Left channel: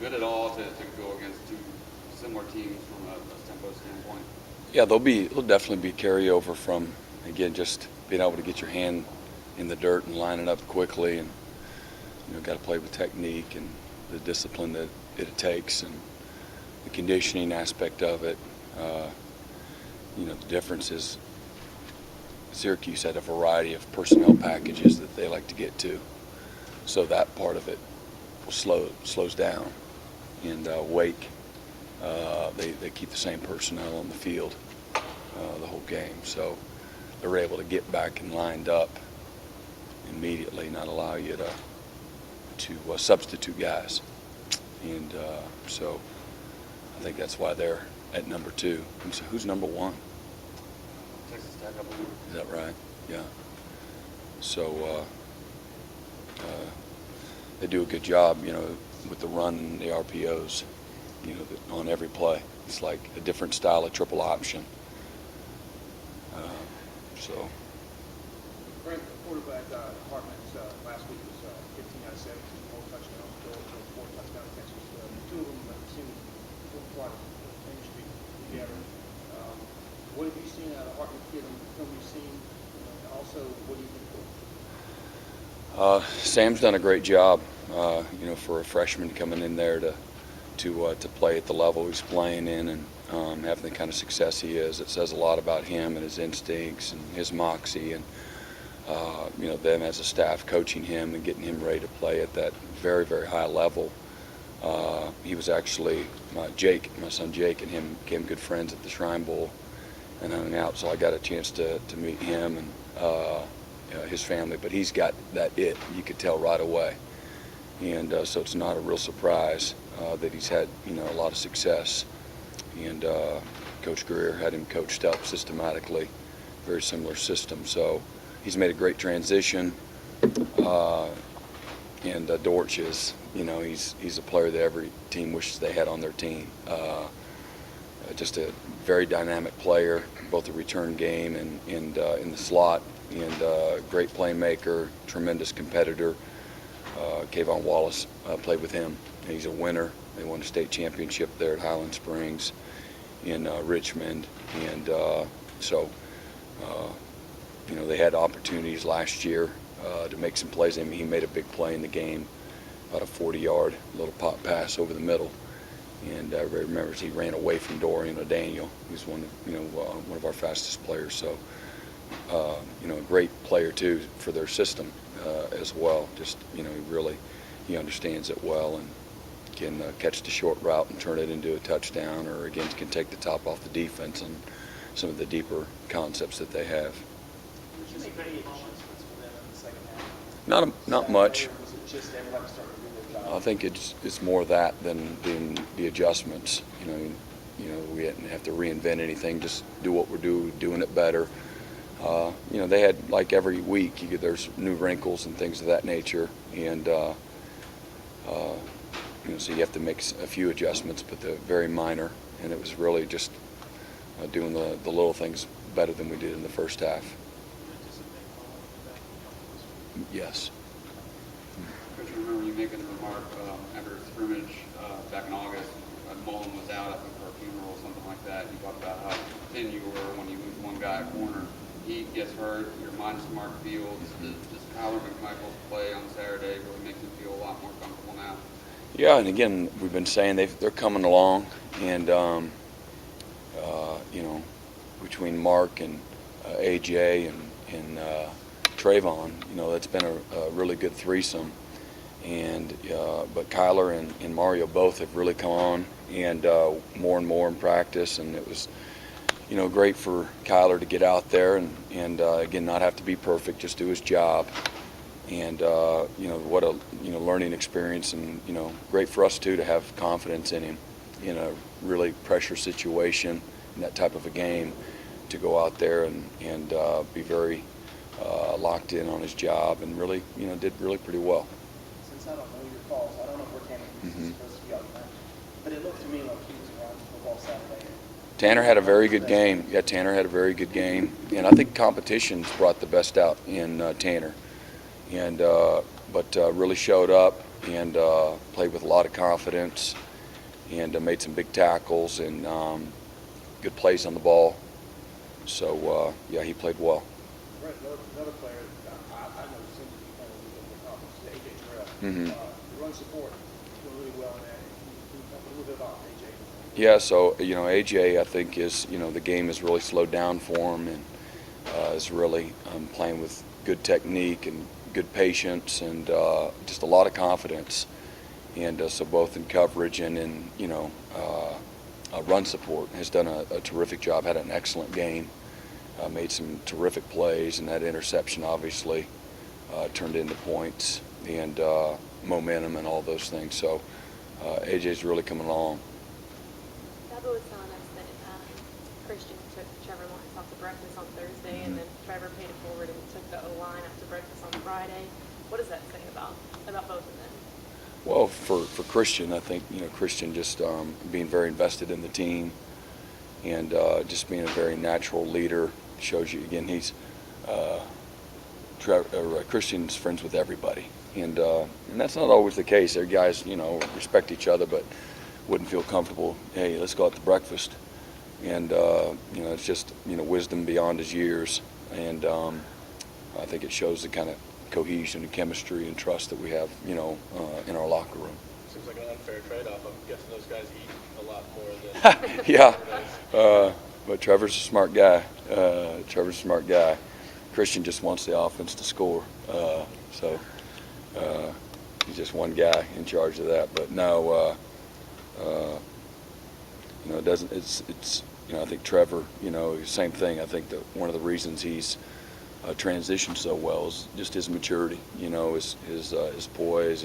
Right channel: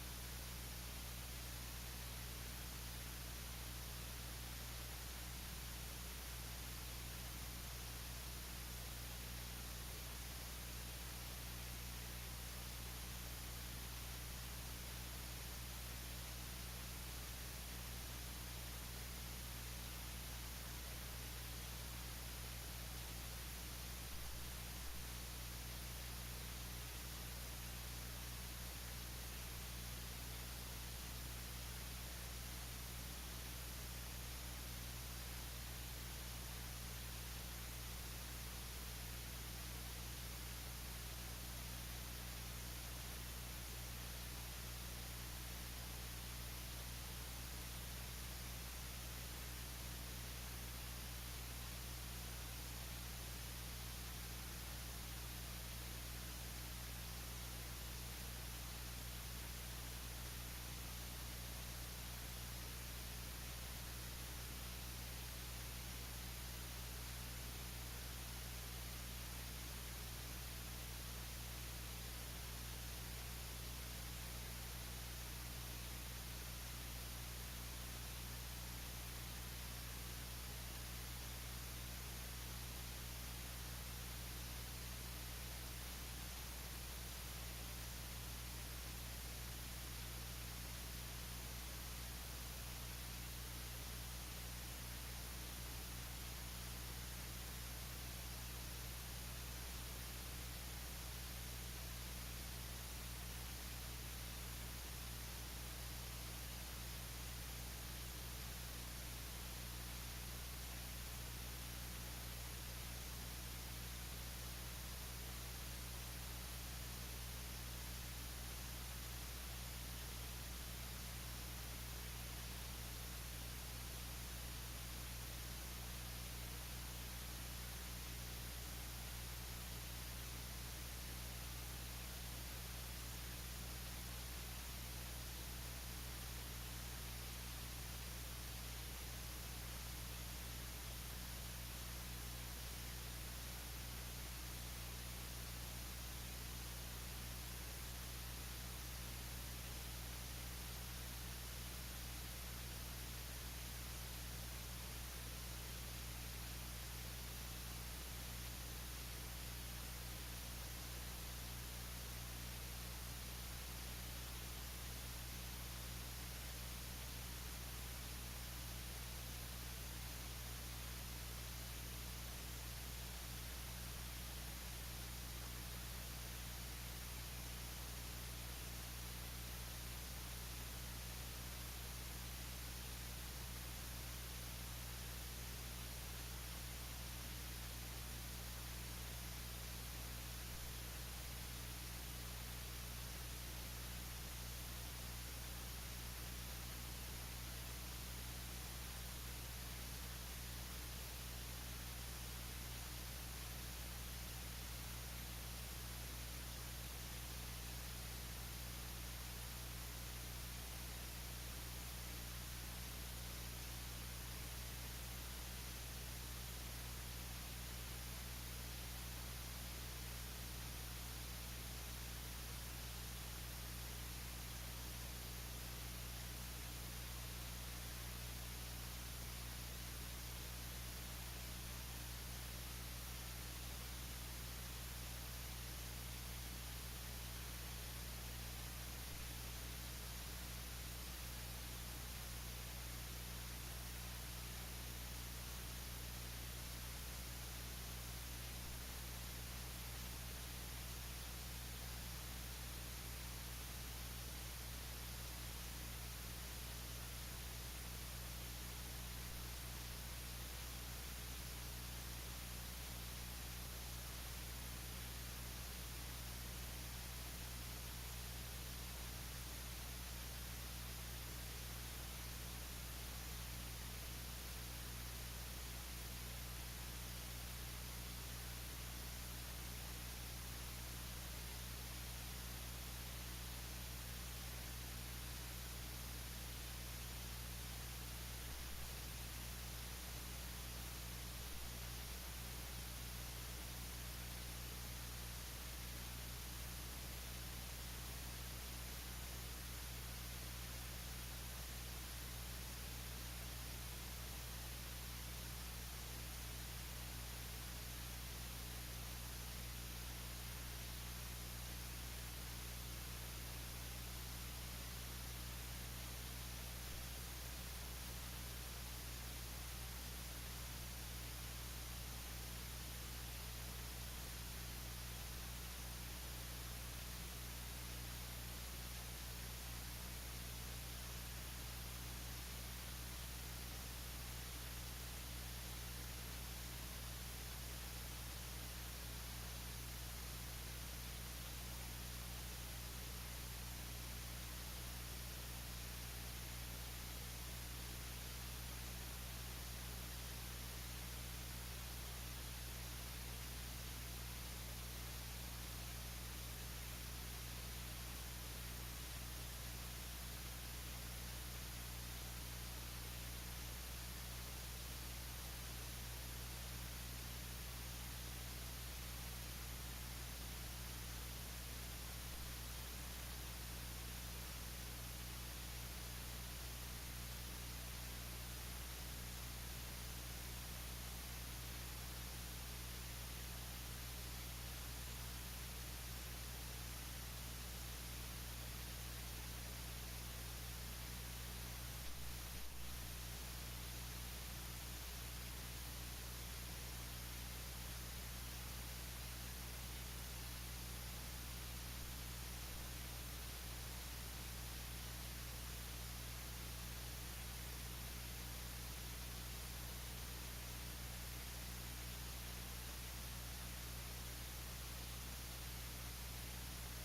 good at all to go against two similar teams from a tempo standpoint? Yeah, they'll definitely be carryover from, again, just being able to get your hand in the dirt and line it up quickly, and got to play with technique and the discipline that it takes, and the conditioning aspect of it. The difference is Syracuse had a variety of personnel packages that they like to get to, so that part of it slows down. And Wake, they keep the same personnel on the field the whole game, so they're able to get back and lined up immediately, not allow you to substitute guys. And so I think that's why they're at number 2. Who's number 1? Texas Tech, I believe. Is that right? Yeah. So they do a good job, with the run and the RPOs, on every play. It's like a different style of triple option. So. Brent, the quarterback Hartman last week was 15 out of 17, 4 touchdowns, Joel 4 touchdowns. Next week, 2 of them seem to fly Main Street together. What have you seen out of Hartman's film you've seen? Also, what do you think? Sam's done a great job, for a freshman coming in there to play at the level he's playing in, and having the kind of success he is. It says a lot about him and his instincts and his moxie, and them as a staff coaching him and getting him ready to play at that very, very high level. He was actually my son Jake, and him became good friends at the Shrine Bowl and hung out, so I got a chance to meet him and his family. But he's got that it, you could tell right away, and so it's not a real surprise that he's had a lot of success. And Coach Greer had him coached up systematically, very similar system. So he's made a great transition. And Dortch is, he's a player that every team wishes they had on their team. Just a very dynamic player, both the return game and in the slot, and great playmaker, tremendous competitor. Kayvon Wallace played with him. He's a winner. They won a state championship there at Highland Springs in Richmond, and so they had opportunities last year to make some plays. I mean, he made a big play in the game, about a 40-yard little pop pass over the middle, and everybody remembers he ran away from Dorian O'Daniel. He was one of our fastest players. So a great player too for their system as well. Just he understands it well, and can catch the short route and turn it into a touchdown, or again can take the top off the defense and some of the deeper concepts that they have. Not much. I think it's more that than the adjustments. We didn't have to reinvent anything. Just do what we're doing it better. They had, like every week, there's new wrinkles and things of that nature, and so you have to make a few adjustments, but they're very minor. And it was really just doing the little things better than we did in the first half. Yes. Coach, I remember you making the remark after a scrimmage back in August, Mullen was out, I think, for a funeral or something like that. You talked about how thin you were when you moved one guy a corner. He gets hurt, you're minus Mark Fields. Does Kyler McMichael's play on Saturday really make you feel a lot more comfortable now? Yeah, and again, we've been saying they're coming along, and between Mark and AJ and Trayvon, that's been a really good threesome. And but Kyler and Mario both have really come on, and more in practice, and it was great for Kyler to get out there and again, not have to be perfect, just do his job. And what a learning experience, and great for us too to have confidence in him in a really pressure situation in that type of a game, to go out there and be very locked in on his job, and really did really pretty well. Since I don't know your calls, I don't know where Tanner is supposed to be all the time, but it looked to me like he was around football Saturday. Tanner had a very good game. Yeah, Tanner had a very good game, and I think competition's brought the best out in Tanner, and but really showed up, and played with a lot of confidence, and made some big tackles and good plays on the ball. So yeah, he played well. Brent, another player I know he's in the kind of league of the conference, A.J. Terrell. Mm-hmm. The run support doing really well in that. Can you talk a little bit about A.J.? Yeah, so AJ, I think is the game has really slowed down for him, and is really playing with good technique and good patience and just a lot of confidence, and so both in coverage and in run support has done a terrific job. Had an excellent game, made some terrific plays, and that interception obviously turned into points and momentum and all those things. So AJ's really coming along. Bubba was telling us that Christian took Trevor Lawrence off the breakfast on Thursday, and then Trevor paid it forward and took the O-line after breakfast on Friday. What does that say about both of them? Well, for Christian, I think Christian just being very invested in the team and just being a very natural leader shows you again he's Christian's friends with everybody, and that's not always the case. Their guys respect each other, but wouldn't feel comfortable. Hey, let's go out to breakfast, and it's just wisdom beyond his years, and I think it shows the kind of cohesion and chemistry and trust that we have in our locker room. Seems like an unfair trade-off. I'm guessing those guys eat a lot more than Yeah, but Trevor's a smart guy. Christian just wants the offense to score, so he's just one guy in charge of that. But no, it doesn't. It's I think Trevor, same thing. I think that one of the reasons he's transitioned so well is just his maturity. His poise,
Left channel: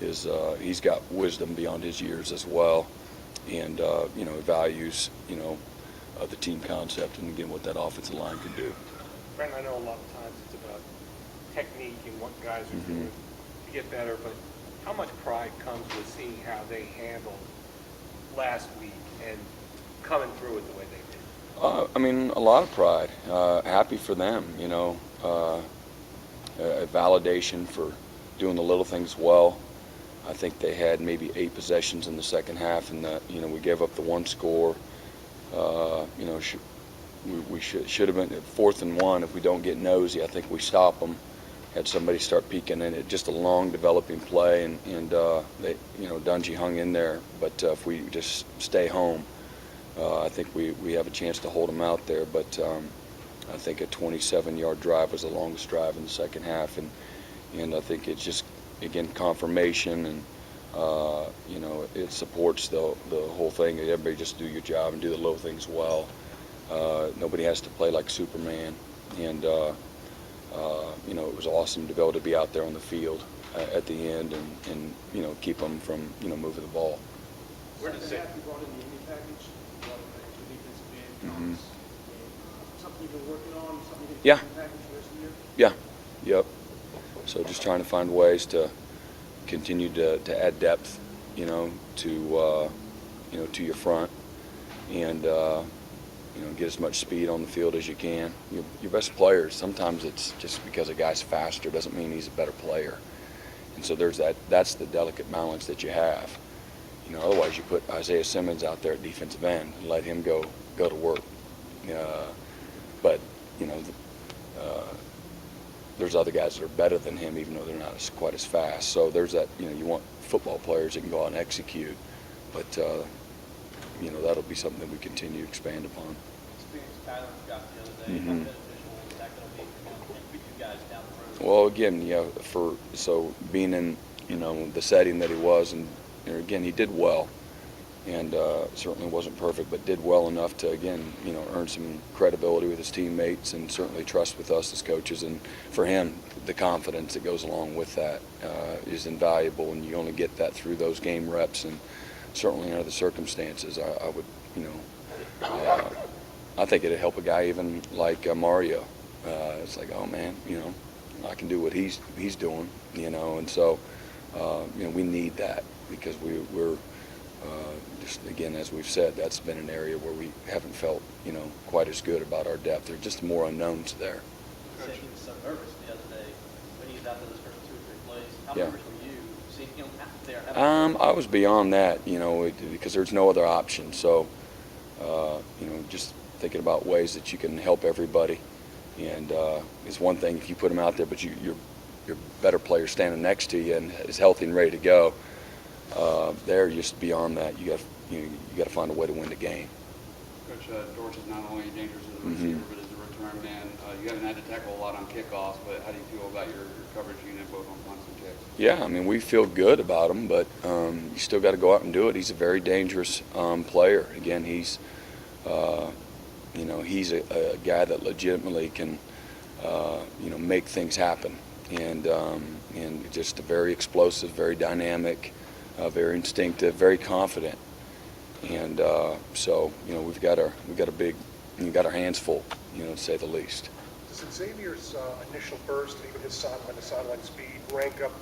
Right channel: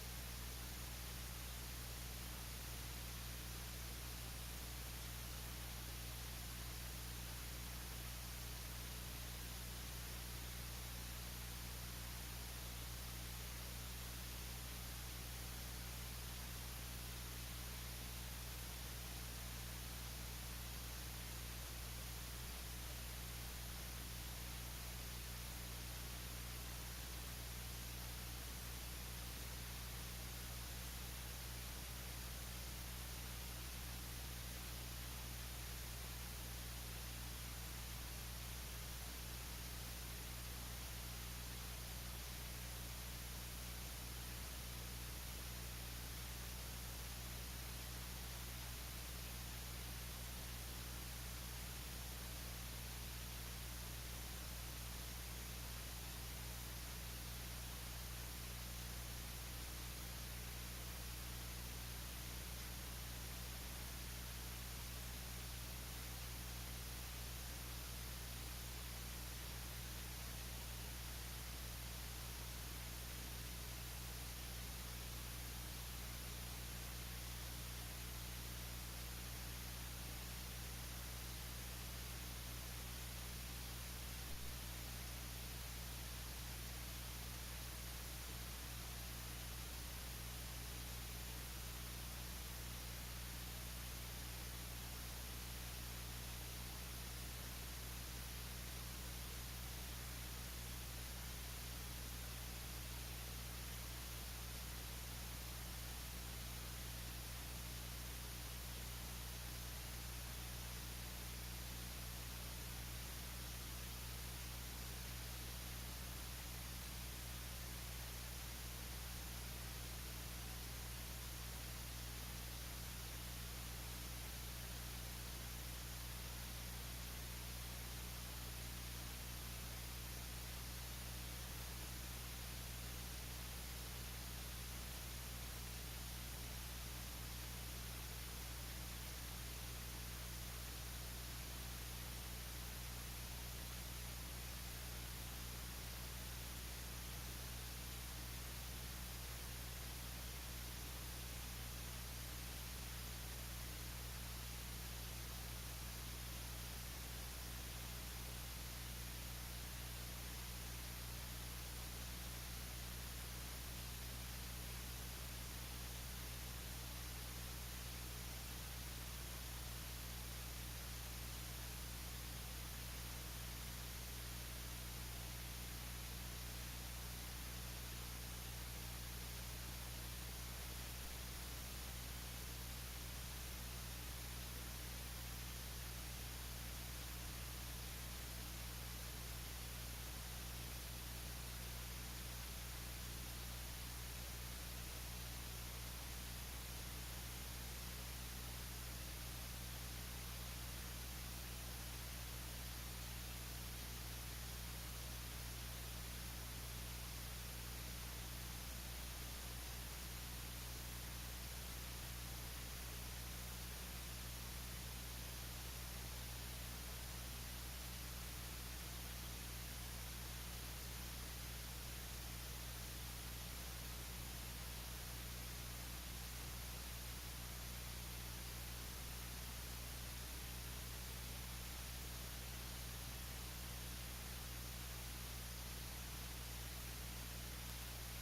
he's got wisdom beyond his years as well, and values the team concept and again what that offensive line can do. Brent, I know a lot of times it's about technique and what guys are doing to get better, but how much pride comes with seeing how they handled last week and coming through it the way they did? I mean, a lot of pride. Happy for them, a validation for doing the little things well. I think they had maybe 8 possessions in the second half, and we gave up the 1 score. We should have been at 4th and 1. If we don't get nosy, I think we stop them. Had somebody start peeking in it. Just a long developing play, and they, Dungy hung in there. But if we just stay home, I think we have a chance to hold them out there. But I think a 27-yard drive was the longest drive in the second half, and I think it's just again confirmation and. It supports the whole thing. Everybody just do your job and do the little things well. Nobody has to play like Superman, and it was awesome to be able to be out there on the field at the end and keep them from moving the ball. Where does that you brought in the mini package? Brought in the defensive end. Something you've been working on? Something you've been package this year? Yeah. Yep. So just trying to find ways to continue to add depth, to your front, and get as much speed on the field as you can. Your best players, sometimes it's just because a guy's faster doesn't mean he's a better player, and so that's the delicate balance that you have. Otherwise you put Isaiah Simmons out there at defensive end, you let him go to work, but there's other guys that are better than him, even though they're not quite as fast. So there's that, you want football players that can go out and execute. But, that'll be something that we continue to expand upon. Well, again, so being in, the setting that he was, and again, he did well. And certainly wasn't perfect, but did well enough to, again, earn some credibility with his teammates and certainly trust with us as coaches. And for him, the confidence that goes along with that is invaluable, and you only get that through those game reps. And certainly under the circumstances, I would, I think it'd help a guy even like Mario. It's like, oh man, I can do what he's doing, and so, we need that because we're just, again, as we've said, that's been an area where we haven't felt, quite as good about our depth. There's just more unknowns there. You said he was so nervous the other day when he was out there those first 2 or 3 plays. How Yeah. nervous were you seeing that? I was beyond that, because there's no other option. So, just thinking about ways that you can help everybody. And it's one thing if you put them out there, but your better player standing next to you and is healthy and ready to go. They're just beyond that. You got to find a way to win the game. Coach, Dortch is not only dangerous as a Mm-hmm. receiver, but as a return man. You haven't had to tackle a lot on kickoffs, but how do you feel about your coverage unit both on punts and kicks? Yeah, I mean, we feel good about him, but you still got to go out and do it. He's a very dangerous player. Again, he's a guy that legitimately can, make things happen, and just a very explosive, very dynamic, very instinctive, very confident, and so we've got our hands full, to say the least. Does Xavier's initial burst, even his sideline-to-sideline speed, rank up